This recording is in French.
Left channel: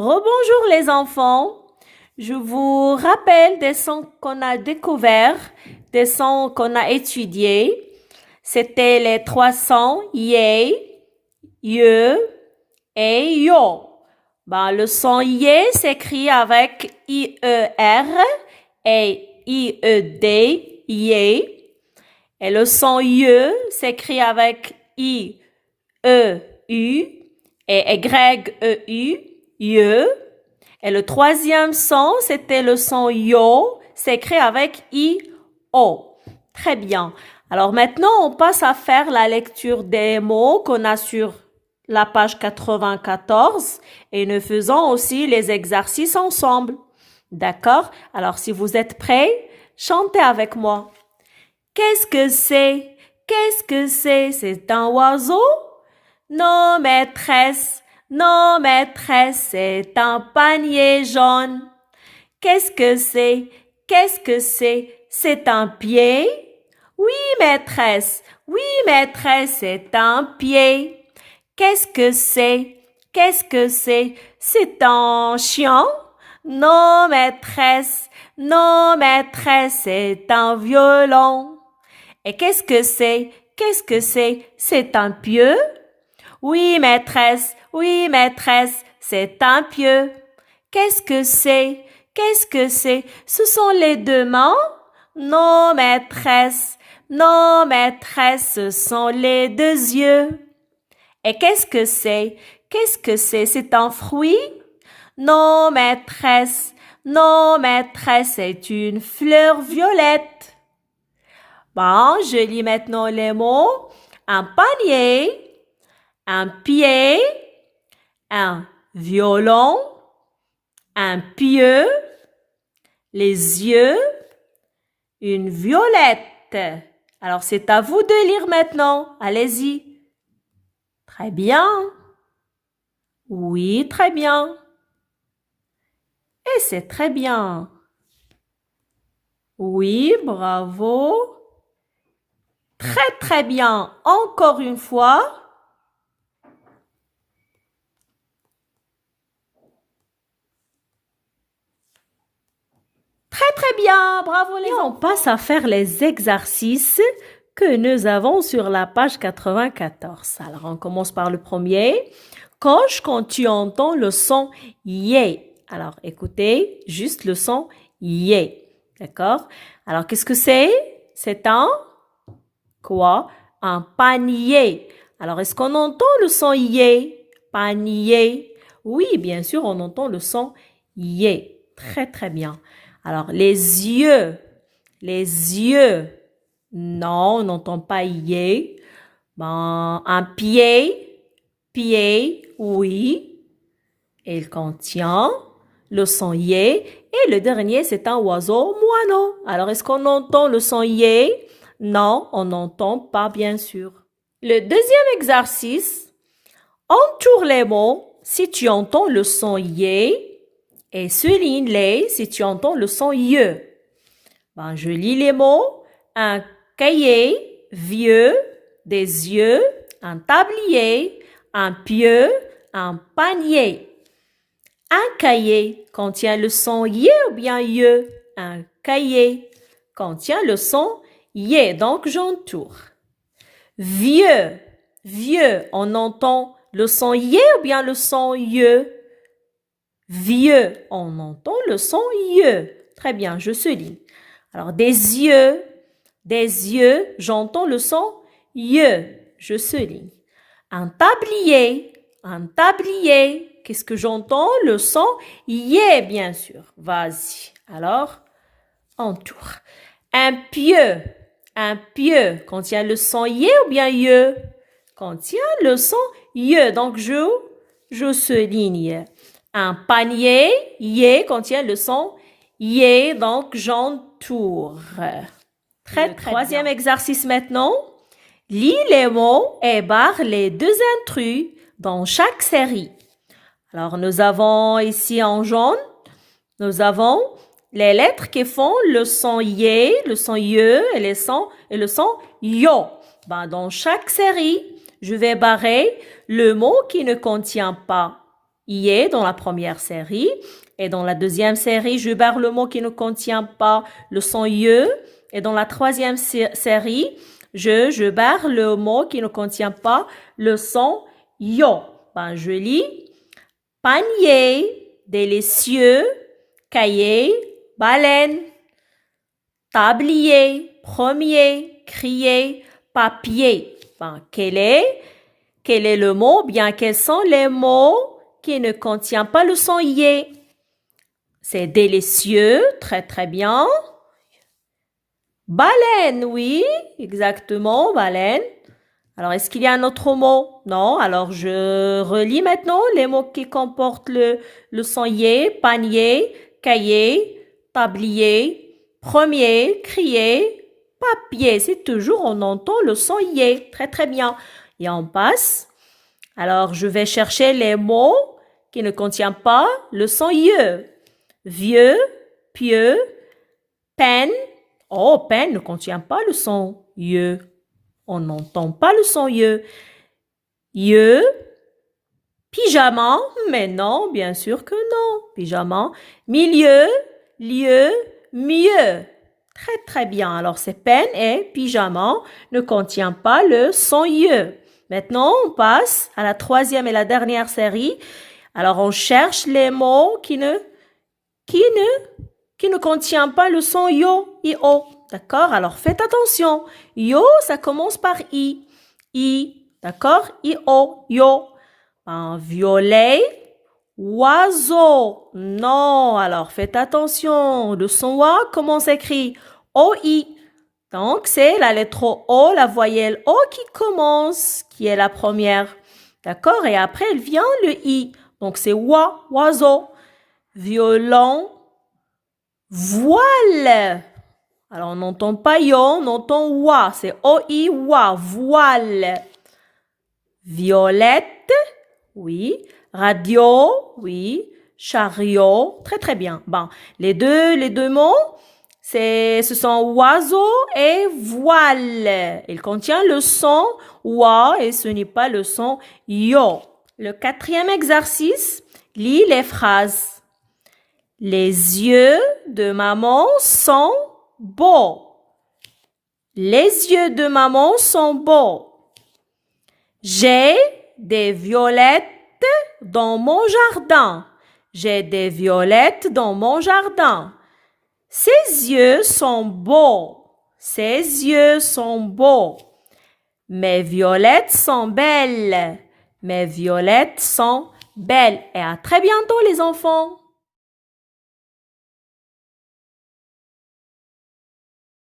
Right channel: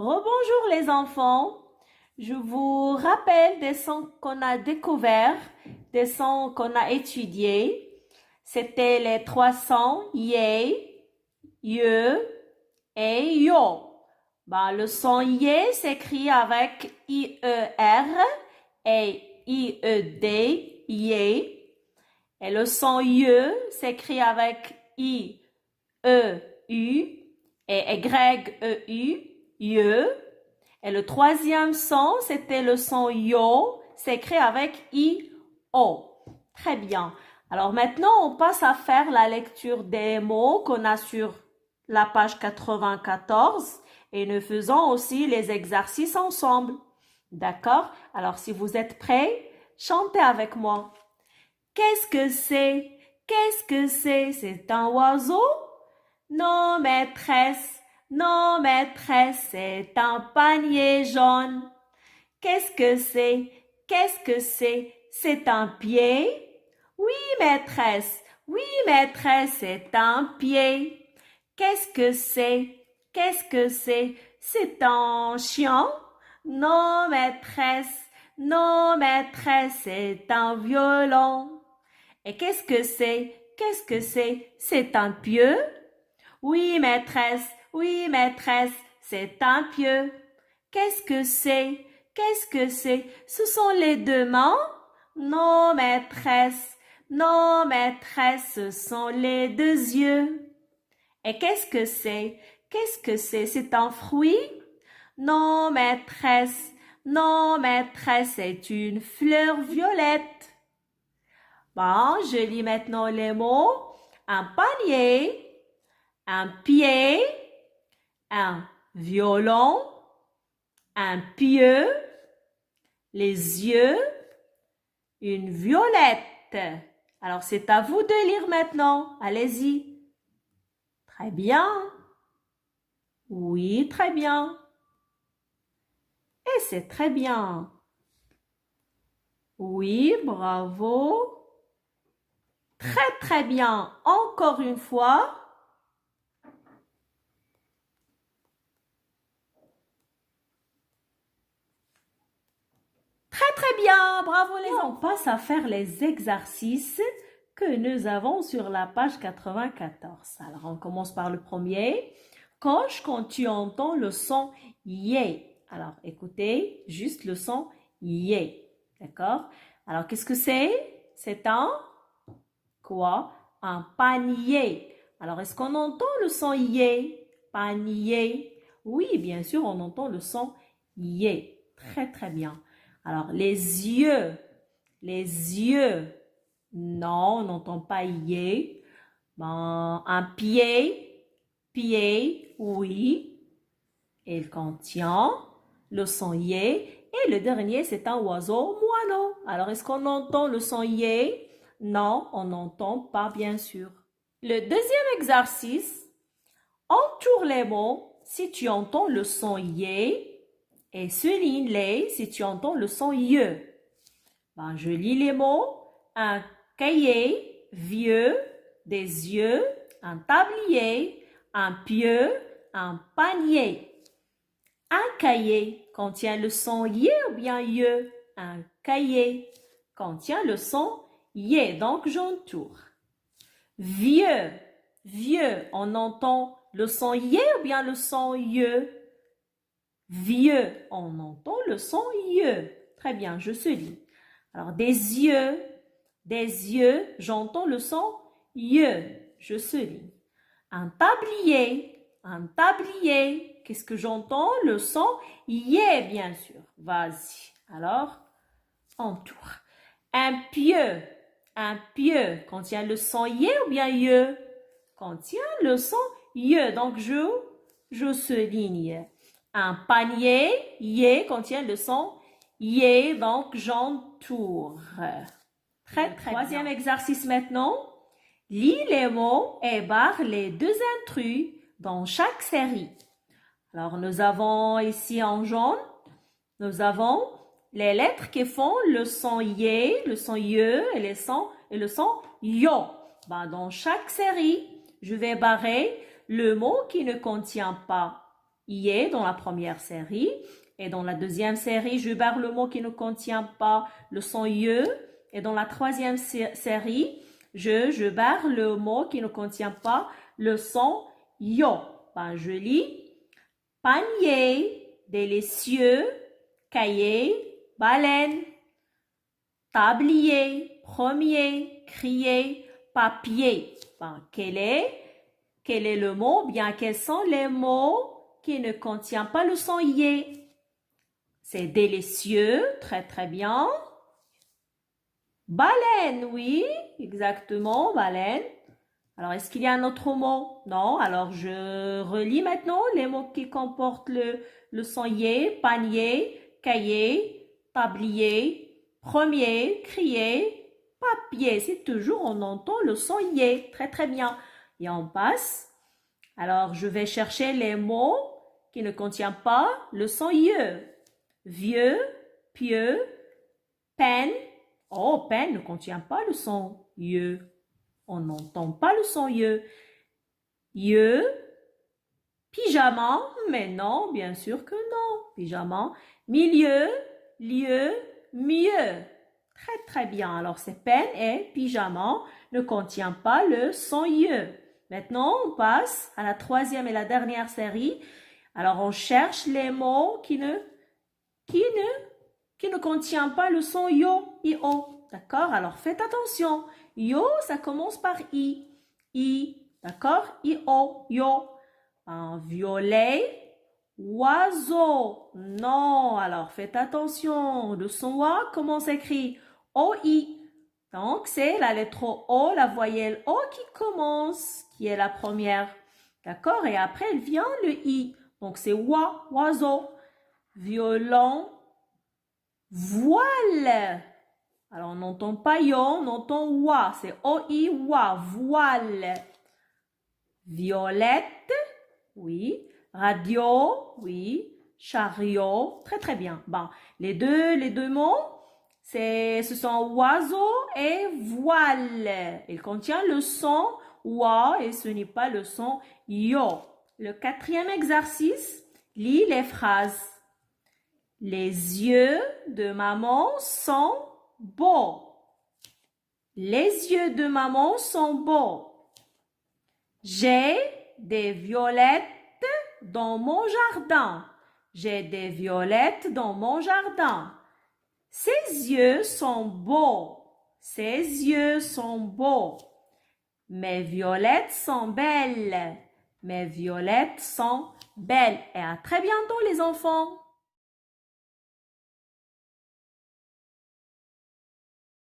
Rebonjour les enfants. Je vous rappelle des sons qu'on a découverts, des sons qu'on a étudiés. C'était les trois sons yé, ye et yo. Le son yé s'écrit avec I-E-R et I-E-D, yé. Et le son ye s'écrit avec I-E-U et Y-E-U, ye. Et le troisième son, c'était le son yo, c'est écrit avec I-O. Très bien. Alors maintenant, on passe à faire la lecture des mots qu'on a sur la page 94 et nous faisons aussi les exercices ensemble. D'accord? Alors si vous êtes prêts, chantez avec moi. Qu'est-ce que c'est? Qu'est-ce que c'est? C'est un oiseau? Non, maîtresse. Non, maîtresse, c'est un panier jaune. Qu'est-ce que c'est? Qu'est-ce que c'est? C'est un pied? Oui, maîtresse. Oui, maîtresse, c'est un pied. Qu'est-ce que c'est? Qu'est-ce que c'est? C'est un chien? Non, maîtresse. Non, maîtresse, c'est un violon. Et qu'est-ce que c'est? Qu'est-ce que c'est? C'est un pieu? Oui, maîtresse, c'est un pieu. Qu'est-ce que c'est? Qu'est-ce que c'est? Ce sont les deux mains? Non, maîtresse, ce sont les deux yeux. Et qu'est-ce que c'est? Qu'est-ce que c'est? C'est un fruit? Non, maîtresse, c'est une fleur violette. Je lis maintenant les mots. Un panier, un pied, un violon, un pieu, les yeux, une violette. Alors, c'est à vous de lire maintenant. Allez-y. Très bien. Oui, très bien. Et c'est très bien. Oui, bravo. Très, très bien. Encore une fois. Très, très bien. Bravo les enfants. On passe à faire les exercices que nous avons sur la page 94. Alors, on commence par le premier. Coche quand tu entends le son yé. Alors, écoutez, juste le son yé. D'accord? Alors, qu'est-ce que c'est? C'est un quoi? Un panier. Alors, est-ce qu'on entend le son yé? Panier. Oui, bien sûr, on entend le son yé. Très, très bien. Alors, les yeux. Les yeux. Non, on n'entend pas yé. Un pied. Pied, oui. Il contient le son yé. Et le dernier, c'est un oiseau moineau. Alors, est-ce qu'on entend le son yé? Non, on n'entend pas, bien sûr. Le deuxième exercice, entoure les mots si tu entends le son yé et souligne-les si tu entends le son ye. Je lis les mots. Un cahier, vieux, des yeux, un tablier, un pieu, un panier. Un cahier contient le son yé ou bien ye. Un cahier contient le son yé, donc j'entoure. Vieux, vieux, on entend le son yé ou bien le son ye. Vieux, on entend le son ye. Très bien, je souligne. Alors, des yeux, j'entends le son ye, je souligne. Un tablier, qu'est-ce que j'entends? Le son yé, bien sûr. Vas-y. Alors, entoure. Un pieu, contient le son yé ou bien ye? Contient le son ye, donc je souligne. Un panier, yé, contient le son yé, donc j'entoure. Très, troisième exercice maintenant. Lis les mots et barre les deux intrus dans chaque série. Alors, nous avons ici en jaune, nous avons les lettres qui font le son yé, le son ye et le son yo. Dans chaque série, je vais barrer le mot qui ne contient pas yé dans la première série. Et dans la deuxième série, je barre le mot qui ne contient pas le son ye. Et dans la troisième série, je barre le mot qui ne contient pas le son yo. Ben, je lis panier, délicieux, cahier, baleine, tablier, premier, crier, papier. Ben, quel est le mot? Bien, quels sont les mots qui ne contiennent pas le son yé? C'est délicieux, très très bien. Baleine, oui, exactement, baleine. Alors, est-ce qu'il y a un autre mot? Non, alors je relis maintenant les mots qui comportent le son yé, panier, cahier, tablier, premier, crier, papier. C'est toujours, on entend le son yé. Très, très bien. Et on passe. Alors, je vais chercher les mots qui ne contiennent pas le son ye. Vieux, pieux, peine. Oh, peine ne contient pas le son ye. On n'entend pas le son ye. Ye, pyjama, mais non, bien sûr que non. Pyjama, milieu, lieu, mieux. Très, très bien. Alors, c'est peine et pyjama ne contient pas le son ye. Maintenant, on passe à la troisième et la dernière série. Alors, on cherche les mots qui ne contiennent pas le son yo, i-o. D'accord? Alors, faites attention. Yo, ça commence par i. I. D'accord? I-o, yo. Un violet, oiseau. Non. Alors, faites attention. Le son wa, comment s'écrit? O-i. Donc, c'est la lettre O, la voyelle O qui commence, qui est la première. D'accord? Et après, elle vient le i. Donc, c'est wa, oiseau. Violon, voile. Alors, on n'entend pas yo, on entend wa. C'est o-i, wa, voile. Violette, oui. Radio, oui. Chariot, très très bien. Bon, les deux mots, ce sont oiseau et voile. Il contient le son wa et ce n'est pas le son yo. Le quatrième exercice, lis les phrases. Les yeux de maman sont beaux. Les yeux de maman sont beaux. J'ai des violettes dans mon jardin. J'ai des violettes dans mon jardin. Ses yeux sont beaux. Ses yeux sont beaux. Mes violettes sont belles. Mes violettes sont belles. Et à très bientôt les enfants.